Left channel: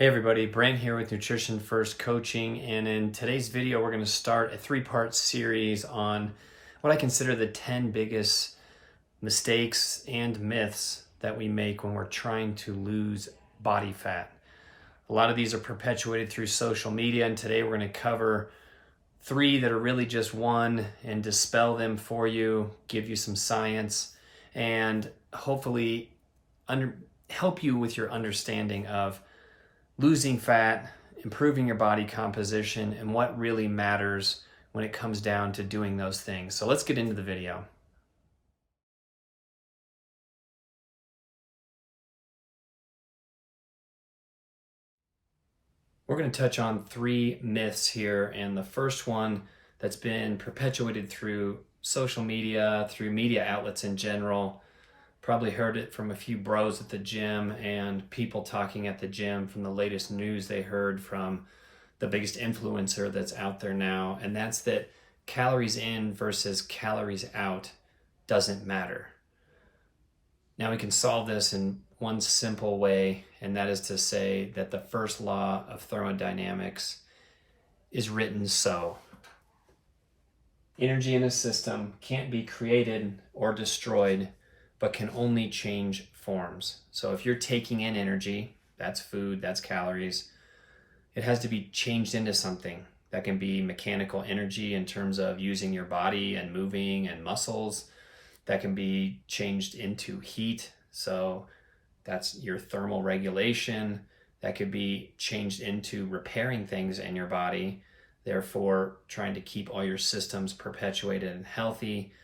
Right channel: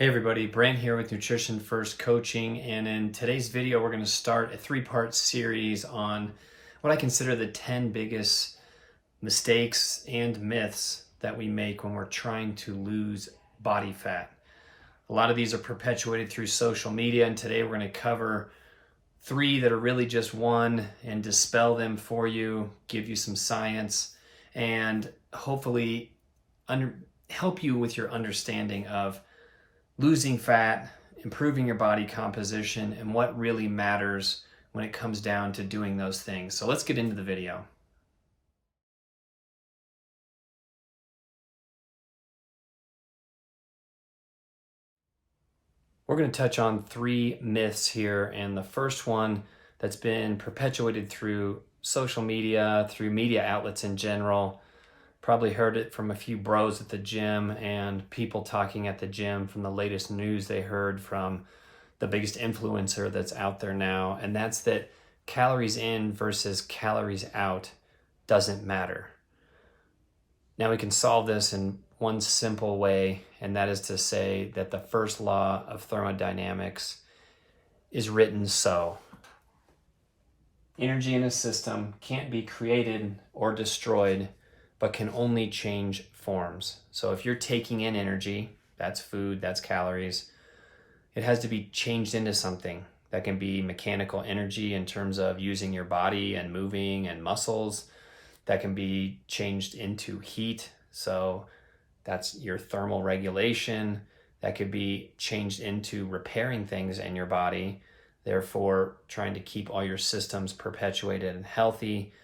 Hey everybody, Brent here with Nutrition First Coaching, and in today's video we're going to start a three-part series on what I consider the 10 biggest mistakes and myths that we make when we're trying to lose body fat. A lot of these are perpetuated through social media, and today we're going to cover three that are really just one and dispel them for you, give you some science, and hopefully help you with your understanding of losing fat, improving your body composition, and what really matters when it comes down to doing those things. So let's get into the video. We're going to touch on three myths here, and the first one that's been perpetuated through social media, through media outlets in general. Probably heard it from a few bros at the gym and people talking at the gym from the latest news they heard from the biggest influencer that's out there now, and that's that calories in versus calories out doesn't matter. Now we can solve this in one simple way, and that is to say that the first law of thermodynamics is written so. Energy in a system can't be created or destroyed, but can only change forms. So if you're taking in energy, that's food, that's calories, it has to be changed into something. That can be mechanical energy in terms of using your body and moving and muscles. That can be changed into heat. So that's your thermal regulation. That could be changed into repairing things in your body, therefore trying to keep all your systems perpetuated and healthy.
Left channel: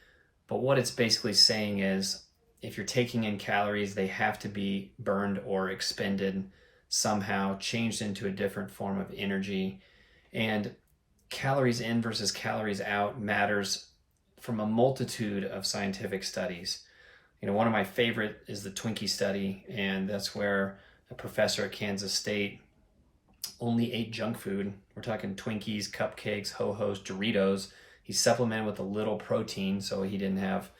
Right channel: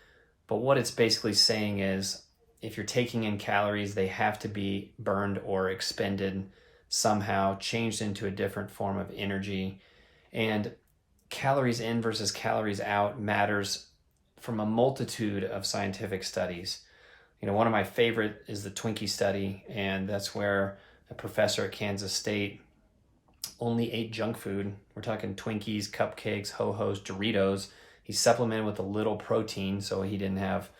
But what it's basically saying is, if you're taking in calories, they have to be burned or expended somehow, changed into a different form of energy. And calories in versus calories out matters from a multitude of scientific studies. One of my favorite is the Twinkie study, and that's where a professor at Kansas State only ate junk food. We're talking Twinkies, cupcakes, Ho-Hos, Doritos. He supplemented with a little protein so he didn't have,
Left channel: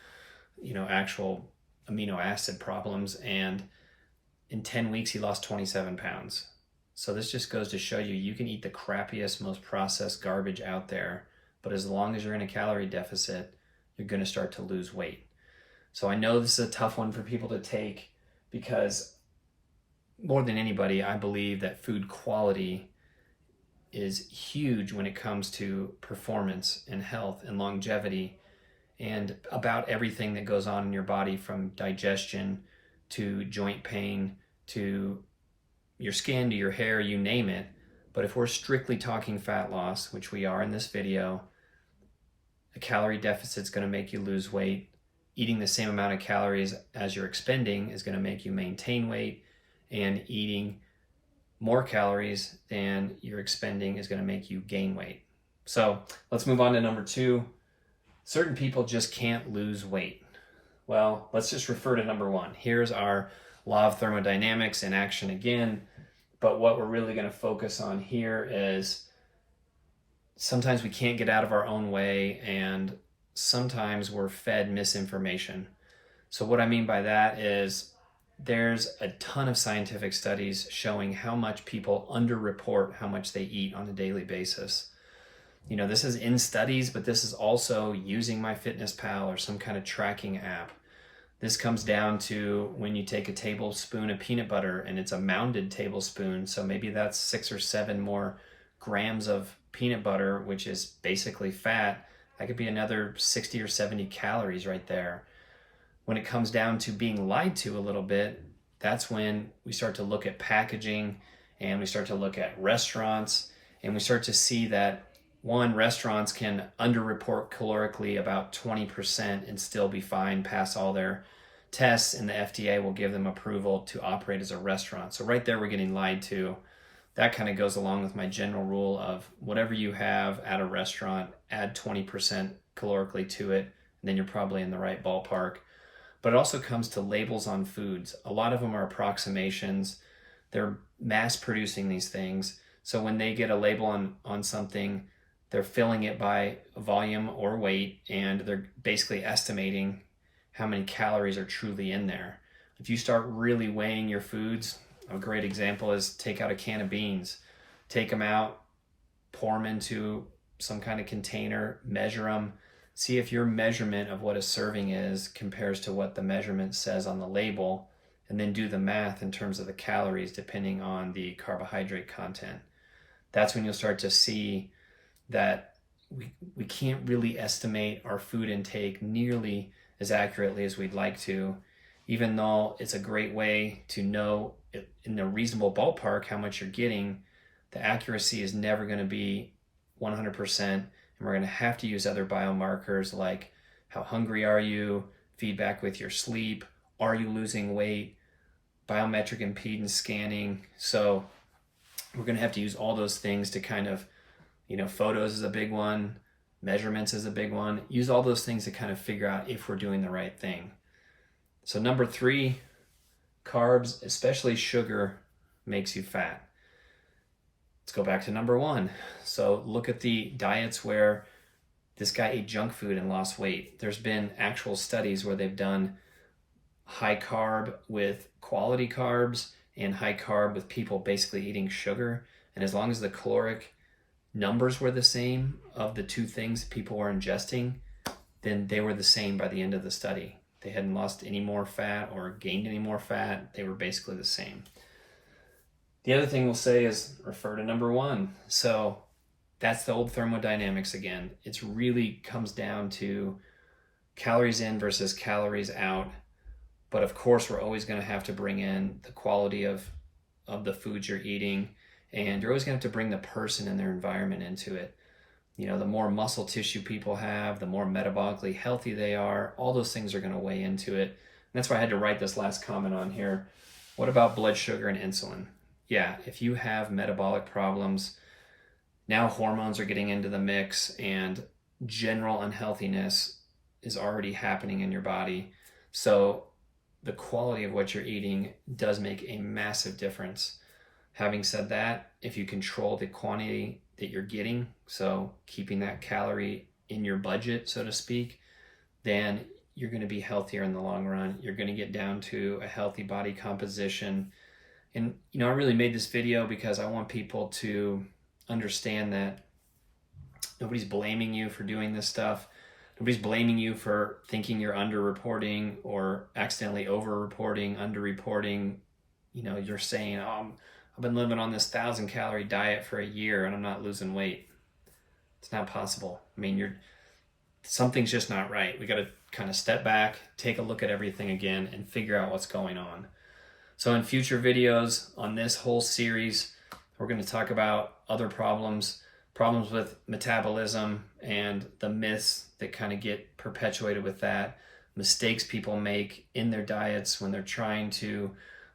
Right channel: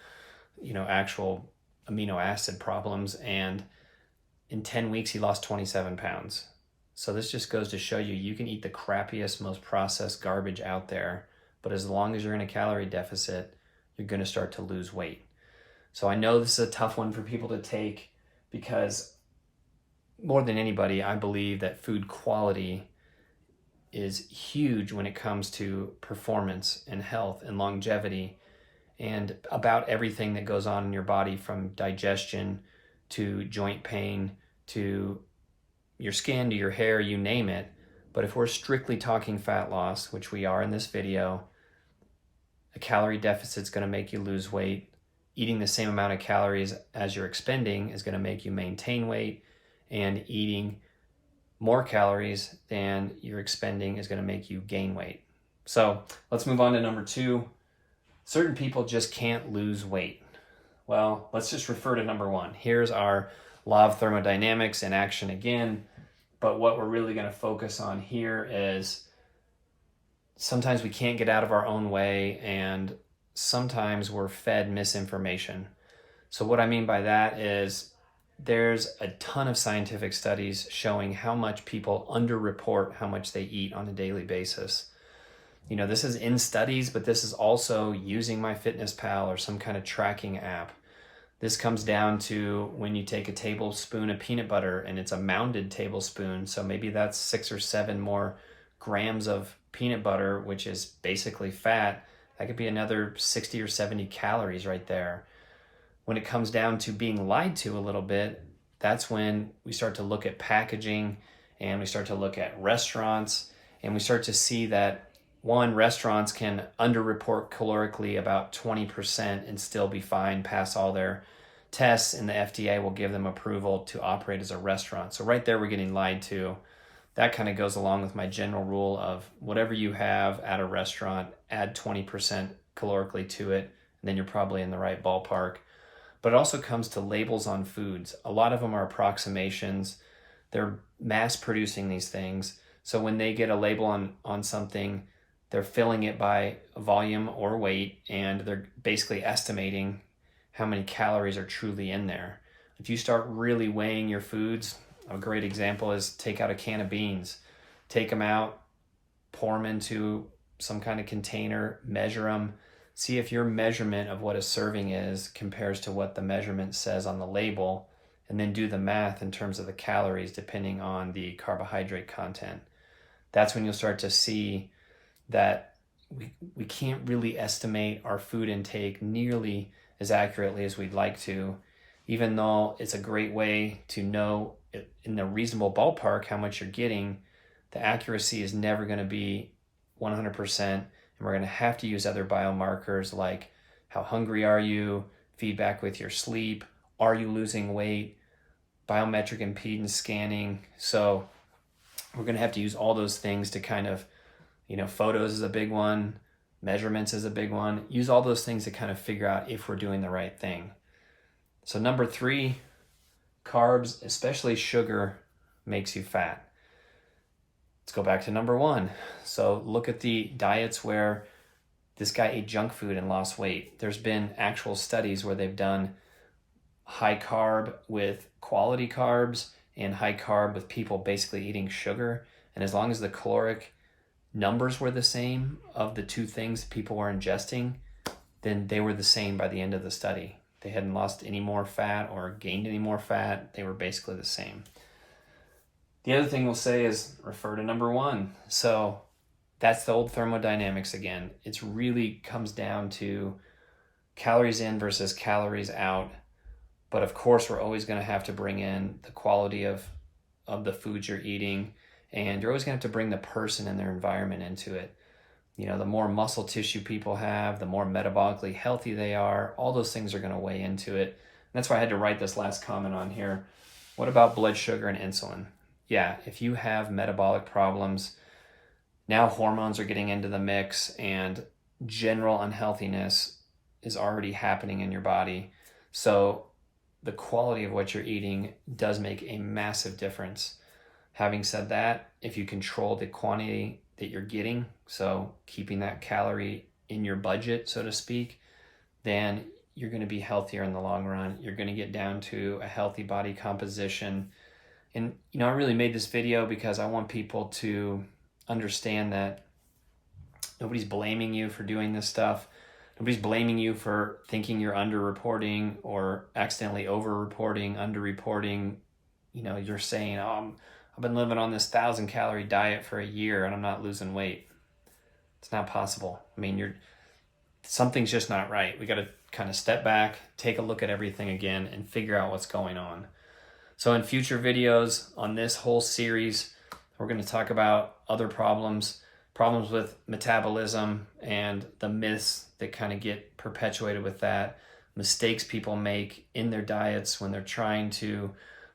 actual amino acid problems, and in 10 weeks he lost 27 pounds. So this just goes to show you can eat the crappiest, most processed garbage out there, but as long as you're in a calorie deficit, you're going to start to lose weight. So I know this is a tough one for people to take, because more than anybody, I believe that food quality is huge when it comes to performance and health and longevity, and about everything that goes on in your body, from digestion to joint pain to your skin to your hair, you name it. But if we're strictly talking fat loss, which we are in this video, a calorie deficit is going to make you lose weight. Eating the same amount of calories as you're expending is going to make you maintain weight, and eating more calories than you're expending is going to make you gain weight. So let's move on to number two. Certain people just can't lose weight. Well, let's just refer to number one. Here's our law of thermodynamics in action again. But what we're really going to focus on here is sometimes we can't get out of our own way, and sometimes we're fed misinformation. So what I mean by that is there's a ton of scientific studies showing how much people underreport how much they eat on a daily basis. This is in studies, but this is also using MyFitnessPal or some kind of tracking app. This comes down to when you take a tablespoon of peanut butter, and it's a mounded tablespoon, so maybe that's 6 or 7 more grams of peanut butter, which is basically fat. That could be another 60 or 70 calories right there. When it comes down to being lied to a little bit, that's when we start to look at packaging, and we start to look at restaurants, and we start to see that restaurants can underreport calorically about 20% and still be fine, pass all their tests, and the FDA will give them approval to operate as a restaurant. So right there, we're getting lied to. That kind of goes along with my general rule of whatever you have at a restaurant, add 20% calorically to it, and then you're probably in the right ballpark. But it also comes to labels on foods. A lot of them are approximations. They're mass producing these things. So when they get a label on something, they're filling it by volume or weight, and they're basically estimating how many calories are truly in there. If you start really weighing your foods, A great example is take out a can of beans, take them out, pour them into some kind of container, measure them, see if your measurement of what a serving is compares to what the measurement says on the label, and then do the math in terms of the calories depending on the carbohydrate content. That's when you'll start to see that we can't really estimate our food intake nearly as accurately as we'd like to, even though it's a great way to know in a reasonable ballpark how much you're getting. The accuracy is never going to be 100%, and we're going to have to use other biomarkers like how hungry are you, feedback with your sleep, are you losing weight, biometric impedance scanning. So we're going to have to use all those things to kind of, photos is a big one, measurements is a big one. Use all those things to kind of figure out if we're doing the right thing. So number 3, carbs, especially sugar, makes you fat. Let's go back to number 1. So look at the diets where this guy ate junk food and lost weight. There's been actual studies where they've done high carb with quality carbs and high carb with people basically eating sugar. And as long as the caloric numbers were the same of the two things people were ingesting, then they were the same by the end of the study. They hadn't lost any more fat or gained any more fat. They were basically the same. The other thing we'll say is refer to number 1. So that's the old thermodynamics again. It really comes down to calories in versus calories out. But of course, we're always going to have to bring in the quality of the foods you're eating. And you're always going to have to bring the person and their environment into it. The more muscle tissue people have, the more metabolically healthy they are. All those things are going to weigh into it. And that's why I had to write this last comment on here. What about blood sugar and insulin? Yeah, if you have metabolic problems, now hormones are getting into the mix and general unhealthiness is already happening in your body. So the quality of what you're eating does make a massive difference. Having said that, if you control the quantity that you're getting, so keeping that calorie in your budget, so to speak, then you're going to be healthier in the long run. You're going to get down to a healthy body composition. And, I really made this video because I want people to understand that nobody's blaming you for doing this stuff. Nobody's blaming you for thinking you're underreporting or accidentally overreporting, underreporting. You're saying, I've been living on this 1,000-calorie diet for a year and I'm not losing weight. It's not possible. Something's just not right. We got to kind of step back, take a look at everything again, and figure out what's going on. So in future videos on this whole series, we're going to talk about other problems with metabolism and the myths that kind of get perpetuated with that, mistakes people make in their diets when they're trying to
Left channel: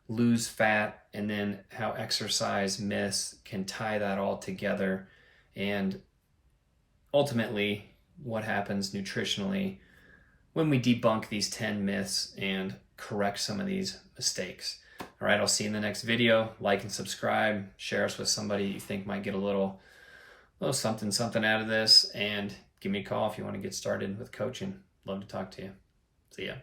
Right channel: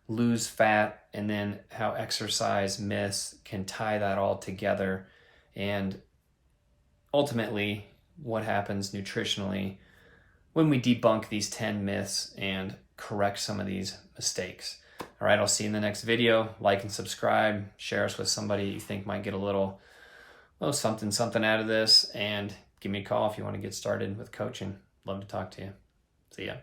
lose fat, and then how exercise myths can tie that all together, and ultimately what happens nutritionally when we debunk these 10 myths and correct some of these mistakes. All right, I'll see you in the next video. Like and subscribe, share us with somebody you think might get a little something out of this, and give me a call if you want to get started with coaching. Love to talk to you. See ya.